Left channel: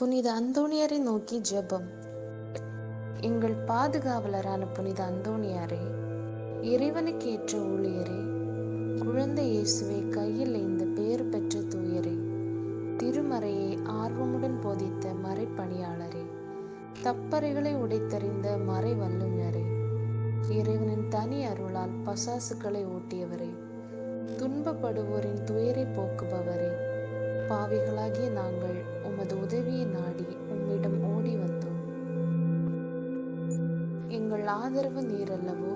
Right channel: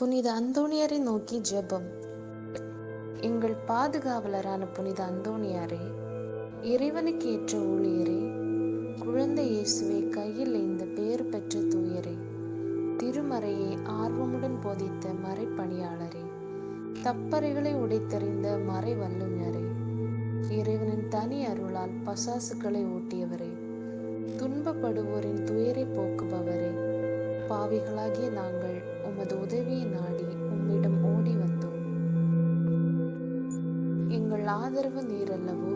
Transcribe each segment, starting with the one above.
புனித அந்தோணியாரை நோக்கி ஜெபம். எங்கள் பாதுகாவலரான புனித அந்தோணியாரே இறைவனுக்கு ஏற்ற ஊழியரே குழந்தை இயேசுவை கையில் இந்த பேறு பெற்ற தூயரே திருமறையை ஆர்வமுடன் போதித்த மறைப்பணியாளரே தப்பறைகளை உடைத்தறிந்த மறை வல்லுநரே இறைவனின் தனி அருளால் பசாசுக்களை ஓட்டியவரே துன்பப்படுவோரின் துயரை போக்குபவரே பாவிகளாகிய நாங்கள் உமது உதவியை நாடி உம்மிடம் ஓடி வந்தோம். எங்கள் ஆதரவு நீரல்லவோ?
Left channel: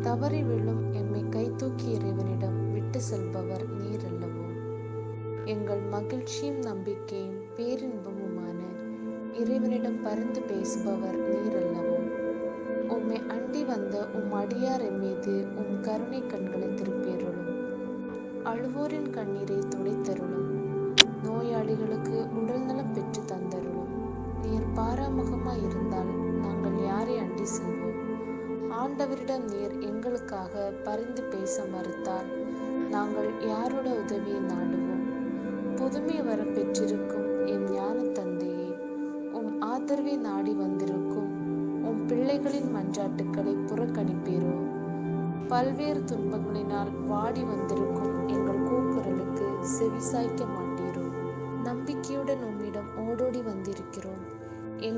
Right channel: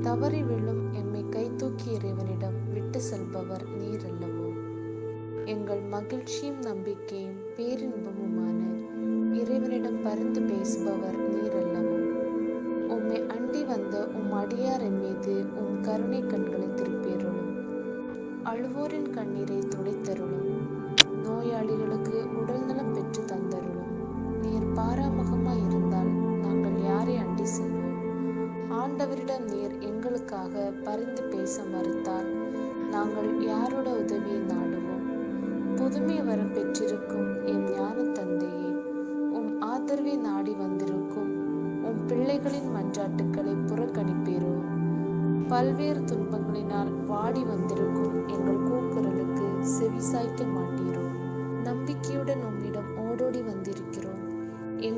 தவறி விழும் எம்மை கைதூக்கி இறைவனிடம் விட்டு செல்பவர் நீரல்லவோ? எங்கள் மகிழ்ச்சியும் நம்பிக்கையும் பேரின்பமுமான இறைவனிடம் பரிந்து பேசுபவர் நீரல்லவோ? உம்மை அண்டி வந்த உம் அடியார் மீது உம் கருணை கண்களை திருப்பியருளும் அழுவோரின் கண்ணீரை துடைத்தருளும். நோயாளிகளுக்கு உடல்நலம் பெற்று தந்தருளும். நீர் பாராமுகமாய் இருந்தால் நாங்கள் யாரை அண்டி செல்வோம்? ஆண்டவரிடம் நீர் எங்களுக்காக பரிந்து பேச மறுத்தால் நாங்கள் யாரோட உதவியை நாடுவோம்? புதுமை வரம் பெற்றிருக்கும் என் ஞான தந்தையே உம் ஆதரவை நாடி வந்திருக்கும் உம் பிள்ளைகளின் மன்றாட்டுக்களை புறக்கணிப்பீரோ? பல்வேறு துன்பங்களினால் வாடி வந்திருக்கும் எங்கள் கூக்குரலுக்கு செவிசாய்க்க மாட்டீரோ?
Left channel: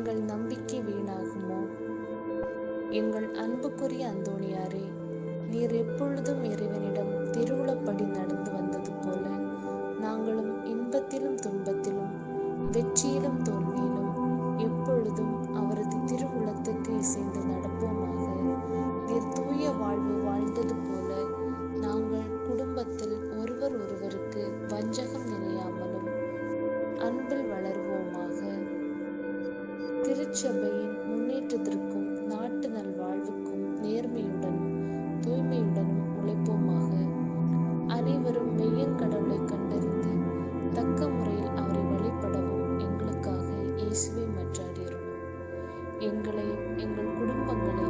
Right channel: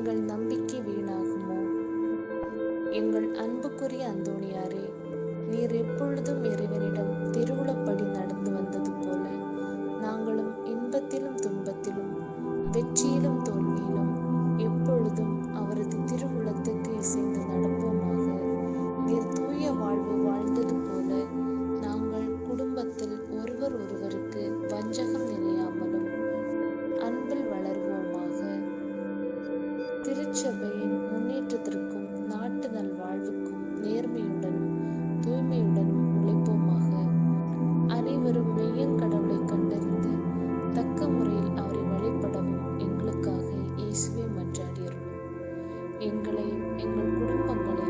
எங்கள் நம்பிக்கை வீணாகுமோ? எங்கள் அன்புக்குரிய அந்தோணியாரே நீர் எப்பொழுதும் இறைவனிடம் திருவுளப்படி நடந்து வந்தது போல நாங்களும் இன்பத்திலும் துன்பத்திலும் வெற்றியிலும் தோல்வியிலும் எப்பொழுதும் அவரது திருவுளத்துக்கு இசைந்து நடப்போமாக. நீர் தூய வாழ்வு வாழ்ந்தது போல நாங்கள் திருச்சபையின் முன்னேற்றத்திற்கும் நாட்டு நல்வாழ்வுக்கும் நேர்மையுடனும் தூய்மையுடனும் உழைப்போமாக. அனைவரும் மெய்யங்கடவுளை கண்டறிந்து தக்க முறையில் அவரை வழிபடவும் எங்களுக்காக இயேசுவை மன்றாடியருளும். எங்களையும் எங்கள் குடும்பங்களை